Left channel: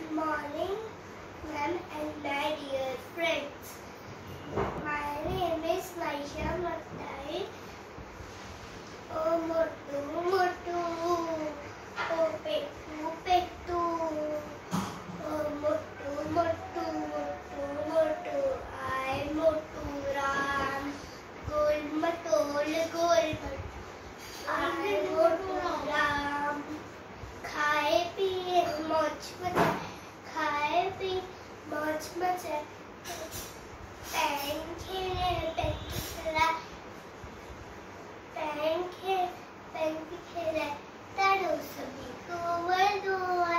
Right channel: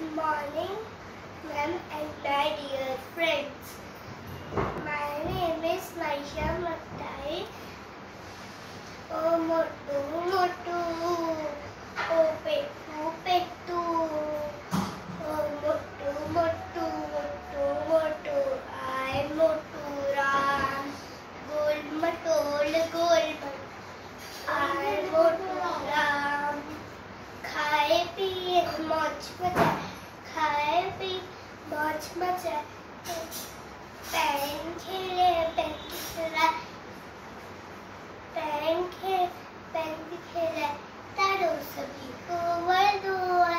Good morning, ma'am and my dear friends. My name is Maisha Mattai. Oh Mottu, Mottu, oh Pettu, Pettu. Oh Mottu, Mottu, Mottu, Mottu. I'm Mottu Ram. Gol matol, gol matol. I'm Mottu Ram. खाए पिए मौज मचाए, खाए P मौज मचाए, pan खेले pan खेलाए, pan खेले पैन भी खेलाए, तारो सभी को वर्दुआ।